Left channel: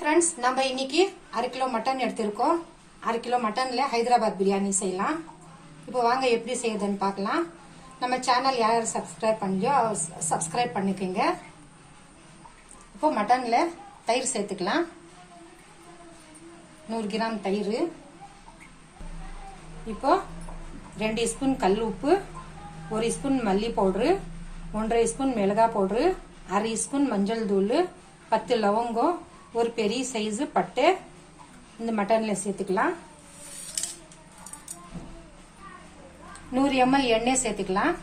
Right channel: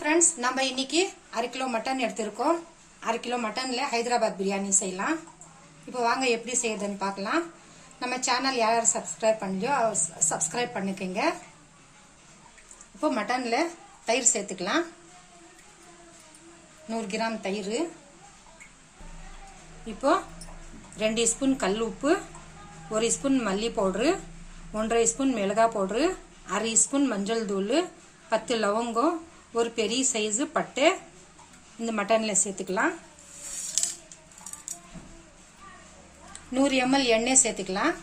Friends நம்ம இன்னைக்கு 1/2 kilo mutton எடுத்துறோம் 1/2 கிலோ மட்டன்ல ஹைதராபாத் பிரியாணி செய்யலாம் இப்போ வாங்க எப்படி செய்யறதுன்னு பார்க்கலாம் நம்ம சேனல் யாராவது சப்ஸ்கிரைப் பண்ணலையோ சப்ஸ்கிரைப் பண்ணிக்கங்க இப்போ மட்டன்ல தயிர் சேர்த்துக்கலாம் 100 கிராம் தயிர் இப்போ 2 ஸ்பூன் கல் உப்பு 1 ஸ்பூன் மல்லி பவுடர் 1.5 ஸ்பூன் மிளகாய் பவுடர் 1/2 ஸ்பூன் மஞ்சள் தூள் 10 லவங்கம் ஒரு பெரிய சைஸ் பட்டை இந்த மட்டன்ல சேர்த்துக்கலாம் 100 ml எண்ணெய் சேர்த்துக்கலாம்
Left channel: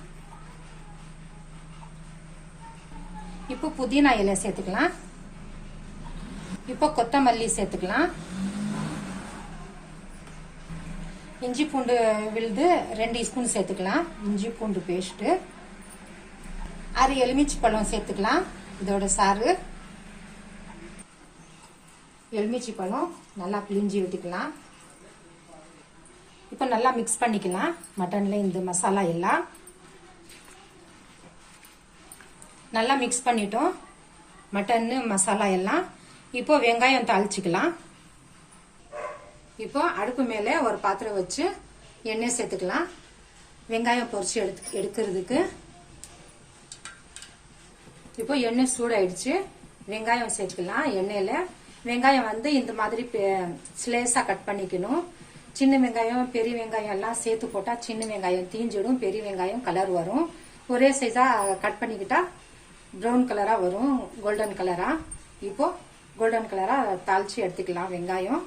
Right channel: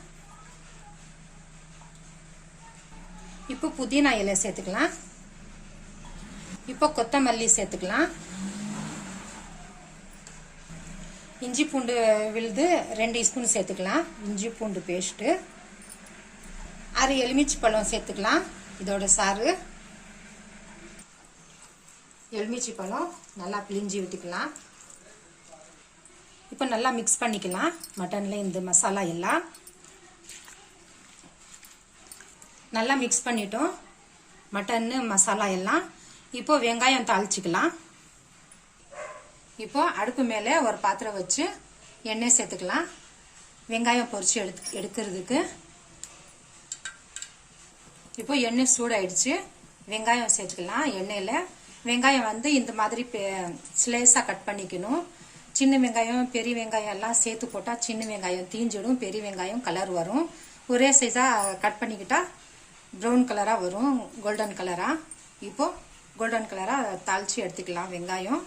இப்போ புதினா இலை சேர்த்துக்கலாம் இப்போ கொத்தமல்லி சேர்த்துக்கலாம் இஞ்சி பூண்டு விழுது 2 ஸ்பூன் சேர்த்துக்கலாம் இஞ்சி பூண்டு பேஸ்ட் 6 எலுமிச்சை பழம் சேர்த்துக்கலாம் இதோட சாறு எலுமிச்சை பழம் நல்லா பிழிஞ்சி விட்டுக்கலாம் இப்போ நல்லா மிக்ஸ் பண்ணிக்கலாம் மட்டன்ல இந்த மசாலா எல்லாம் நல்லா மிக்ஸ் பண்ணிட்டோம் மட்டன் மசாலா எல்லாம் இப்போ வெங்காயம் தாளிச்சுக்கலாம் இப்போ அடுப்பு மேலே ஒரு பாத்திரம் வச்சு எண்ணெய் சேர்த்துக்கலாம் வெங்காயம் பொரிச்சு எடுக்கிறதுக்கு இப்போ எண்ணெய் சூடாயிடுச்சு வெங்காயம் சேர்த்துக்கலாம் எண்ணெயில வெங்காயம் வந்து இந்த மாதிரி ஸ்லைஸா கட் பண்ணிக்கணும் சின்ன வெங்காயம் பெரிய வெங்காயம் எல்லாம் சேர்த்து போட்டா சின்ன வெங்காயம் தீஞ்சிடும் பெரிய வெங்காயம் கலர் வரும் ஒரே சைஸா கட் பண்ணிக்கிட்டா ப்ரௌன் கலரா வரும் கோல்டன் கலரா இப்போ கோல்டன் கலரா தாளிச்சு எடுத்துக்கலாம் வெங்காயம்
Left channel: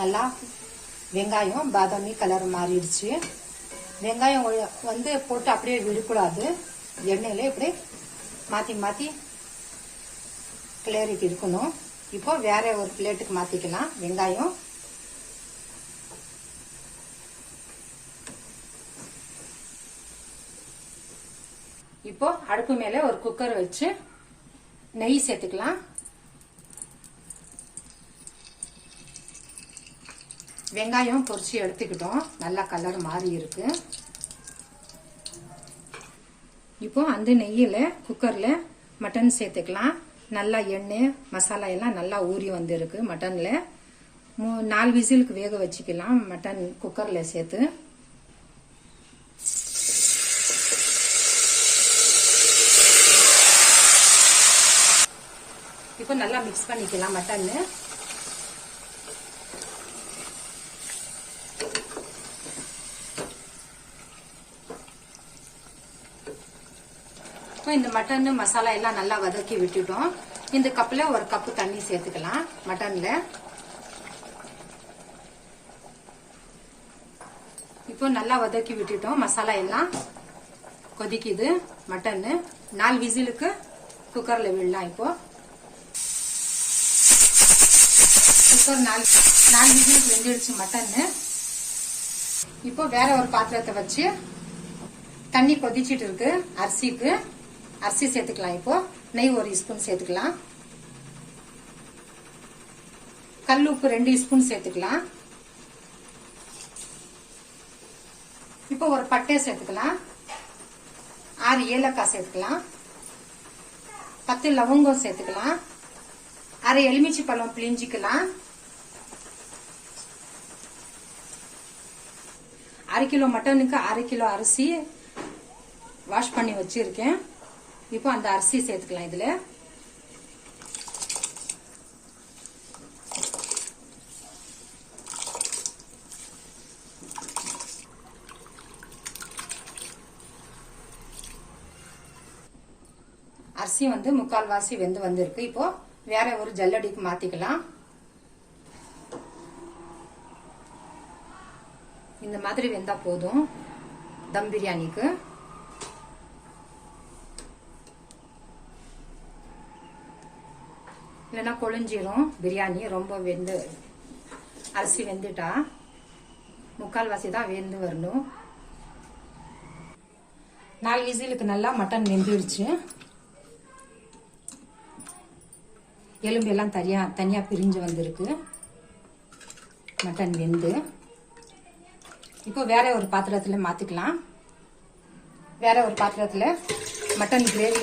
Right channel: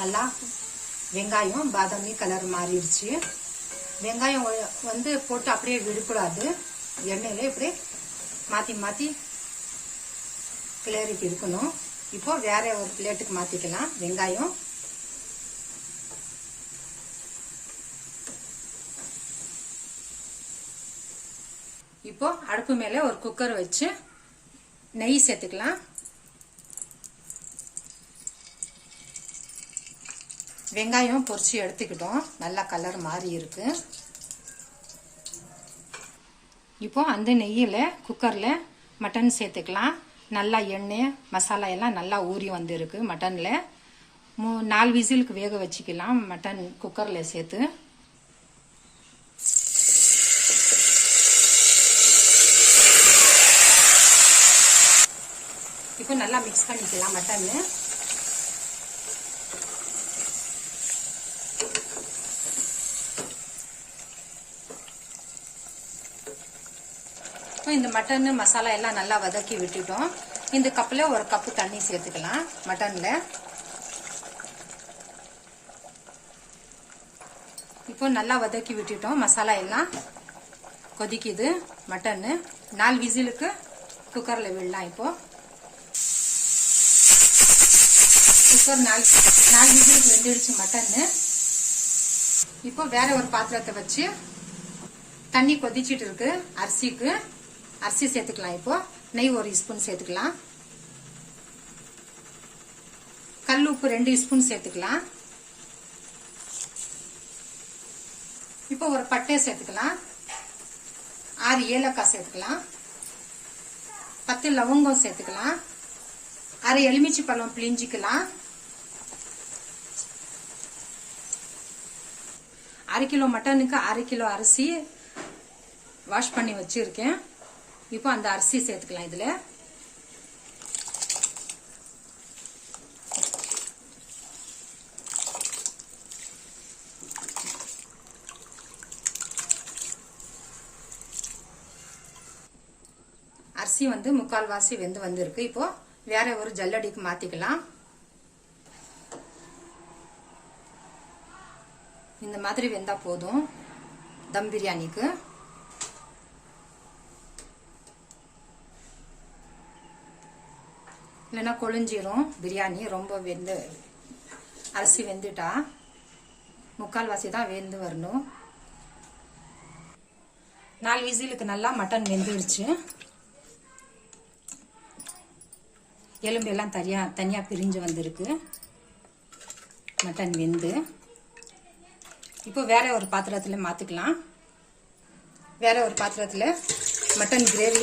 நல்லா வெங்காயம் பாதாமி கலர் மாறிடுச்சு வெங்காயம் வந்து போட்டு அப்படியே விடக்கூடாது எண்ணெயில இப்படி மாத்தி மாத்தி கிளறிட்டு இருக்கணும் இப்போ வேற ஒரு பிளேட்டுக்கு மாத்திக்கலாம் வெங்காயம் இப்போ அடுப்பு மேல ஒரு குக்கர் வச்சு நெய் சேர்த்துக்கலாம் வெங்காயம் பொரிச்சு எடுத்துக்கிட்டோம் நல்லா கலர் மாறி இருக்கு இப்போ அந்த நெய்யில குக்கர்ல மட்டன் சேர்த்துக்கலாம் நல்லா எண்ணெய் மசாலா எல்லாம் நல்லா ஊறி வந்திருக்கு மட்டன்ல 4 விசிலுக்கு வேக வச்சுக்கலாம் மட்டன் குக்கர்ல சேர்த்து இப்போ நல்லா மிக்ஸ் பண்ணிக்கலாம் மட்டன் இந்த மட்டன் மசாலா எல்லாம் நல்லா வதக்கி விட்டுட்டோம் இந்த கப்ல ஒரு கப்பு தண்ணி சேர்த்துக்கலாம் மட்டன்ல இப்போ நல்லா வதக்கி விட்டுட்டோம் மசாலா எல்லாம் கொதிக்குது மட்டன் 4 விசிலுக்கு குக்கர்ல விடலாம் இப்போ குக்கர் 4 விசிலுக்கு வெந்துடுச்சு மட்டன் இப்போ வேற ஒரு பாத்திரத்தை வச்சு தண்ணி கொதிச்சிட்டு இருக்கு அரிசி சேர்த்துக்கலாம் இப்போ நெய் 1 ஸ்பூன் சேர்த்துக்கலாம் கல் உப்பு 2 ஸ்பூன் சேர்த்துக்கலாம் இப்போ ஒரு பட்டை சேர்த்துக்கலாம் 6 ஏலக்காய் சேர்த்துக்கலாம் 10 லவங்கம் சேர்த்துக்கலாம் 1/2 எலுமிச்சை பழம் பிழிஞ்சிக்கலாம் 1/2 கிலோ மட்டனுக்கு 1/2 கிலோ அரிசி வாஷ் பண்ணி வச்சிருக்கேன் இப்போ அந்த அரிசி சேர்த்துக்கலாம் இதுல அரிசி வந்து 3/4 வாசி வெந்து வந்திருக்கு இப்போ வேற ஒரு ஜல்லடிக்கு மாத்திக்கலாம் இந்த மாதிரி வெந்தா போதும் தம் பிரியாணிக்கு இல்லைன்னா கொழிஞ்சிரும் பிரியாணி ரொம்ப வெந்து அரிசி வெந்துட்டா 3/4 வாசி தான் வெந்து வரணும் 4 விசிலுக்கு நல்லா மட்டன் வெந்துடுச்சு எலும்பு எல்லாம் தனியா பிரிஞ்சு வந்திருக்கு மட்டன் வெந்து இப்போ வேற ஒரு பாத்திரத்துல மாத்திக்கலாம். வேற ஒரு பாத்திரத்துல மட்டன் கிரேவி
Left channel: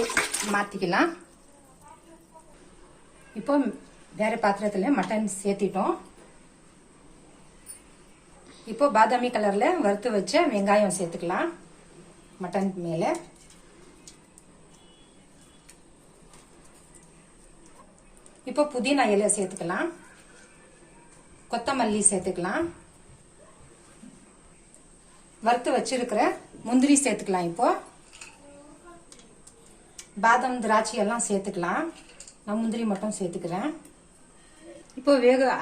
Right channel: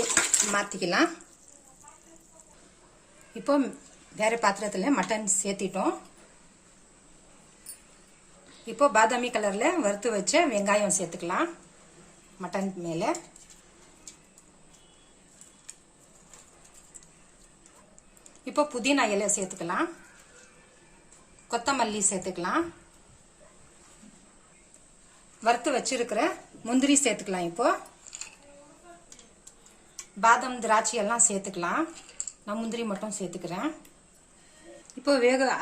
மாத்திக்கலாம். இப்போ வேற பாத்திரத்துல மட்டன் சேர்த்திட்டோம். இப்போ பாதாமி கலர்ல வறுத்து வச்ச வெங்காயம் சேர்த்துக்கலாம் மட்டன் மேல. இப்போ புதினா இலை சேர்த்துக்கலாம். கொத்தமல்லி சேர்த்துக்கலாம். வறுத்து வச்சிருக்கிற முந்திரி சேர்த்துக்கலாம். இப்போ பாதாம் திராட்சை எல்லாம் சேர்த்துக்கலாம். நான் முந்திரி மட்டும் சேர்த்துக்கிறேன். இப்போ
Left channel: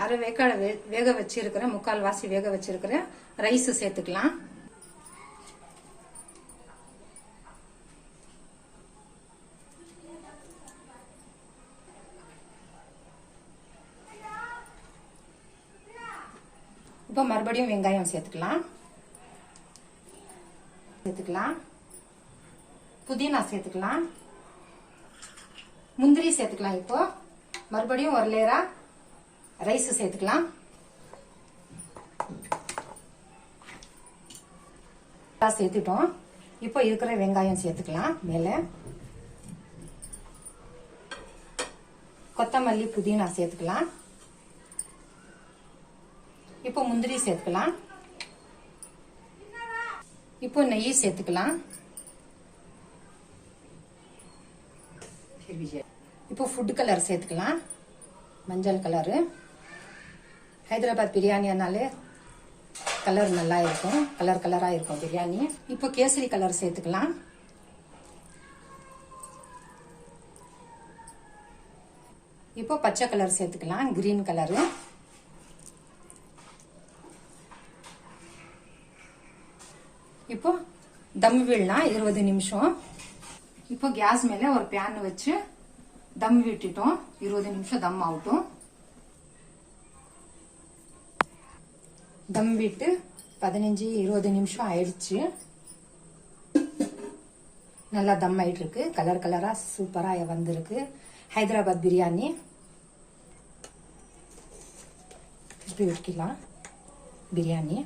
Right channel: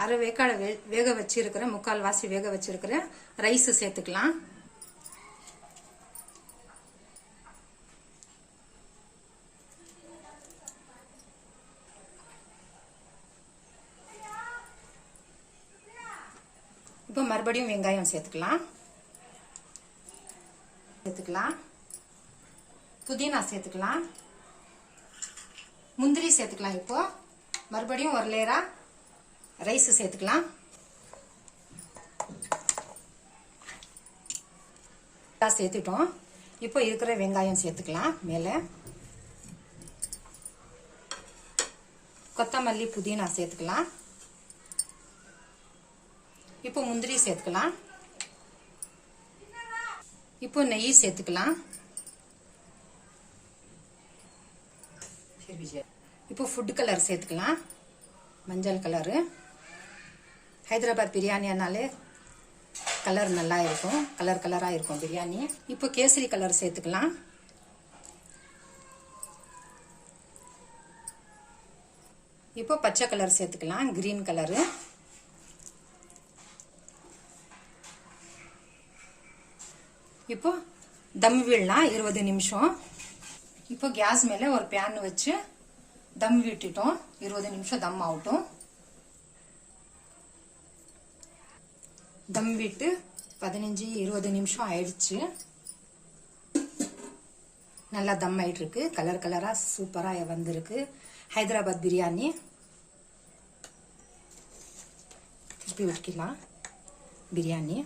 அரை வேக்காடு வேக வச்சிருக்கிற 3/4 வாசி வேக வச்சிருக்கிற ரைஸ் சேர்த்துக்கலாம். இப்போ மறுபடியும் வெங்காயம் சேர்த்துக்கலாம். புதினா சேர்த்துக்கலாம். முந்திரி சேர்த்துக்கலாம். இப்போ மறுபடியும் ஒரு லேயரா ரைஸ் சேர்த்துக்கலாம். சேர்த்துட்டோம். இப்போ இருக்கிற வெங்காயம் சேர்த்துக்கலாம் மேல. கொத்தமல்லி புதினா சேர்த்துக்கலாம். இப்போ முந்திரி சேர்த்துக்கலாம். இப்போ நெய் சேர்த்துக்கலாம். இப்போ ஃபுட் கலர் சேர்த்துக்கலாம். மஞ்சள் கலரு. ஹைதராபாத் பிரியாணினாலே கலர் நல்லா இருக்கும். கலரா இருக்கும் பிரியாணி. இப்போ கேசரி கலர் சேர்த்துக்கலாம். இப்போ பச்சை கலர் சேர்த்துக்கலாம். Green colour. இப்போ தம் விடலாம் 20 நிமிஷம். இப்போ கேஸ் மேல ஒரு பேன் வச்சு தம் விட்டுட்டோம். 20 நிமிஷம் தம் ஆகட்டும். தம் விட்டு 15-20 நிமிஷம் ஆயிடுச்சு. நல்லா தம் ஆயிட்டு இருக்கு. கலரா சூப்பரா வந்திருக்கு ஹைதராபாத் பிரியாணி. இப்படி வைக்கலாம். பிரியாணி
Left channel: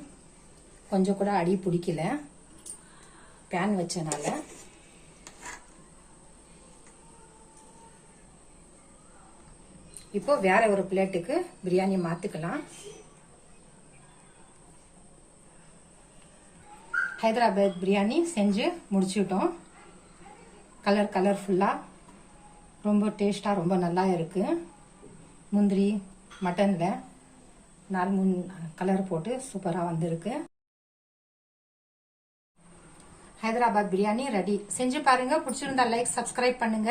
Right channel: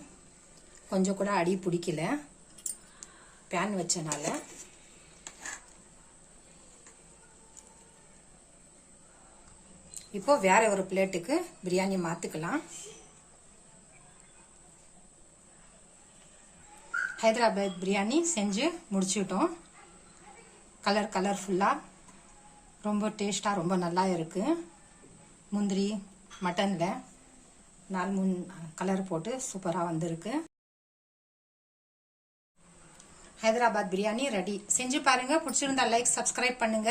கொஞ்சம் கூட அடி பிடிக்கல பேன் வச்சனால. இப்போ வேற ஒரு பிளேட்டுக்கு பிரியாணி மாத்திக்கலாம். ஹைதராபாத் பிரியாணி செஞ்சு முடிச்சுட்டோம். கலர்ஃபுல்லா ரொம்ப டேஸ்டா ரொம்ப நல்லா இருக்கு. முந்திரி மட்டன்ல 4-3 கலர் போட்டு சூப்பரா வந்திருக்கு. ஹைதராபாத் பிரியாணி ரெடி. செஞ்சு பாருங்க. பிடிச்சிருந்தா லைக் சப்ஸ்கிரைப் பண்ணுங்க.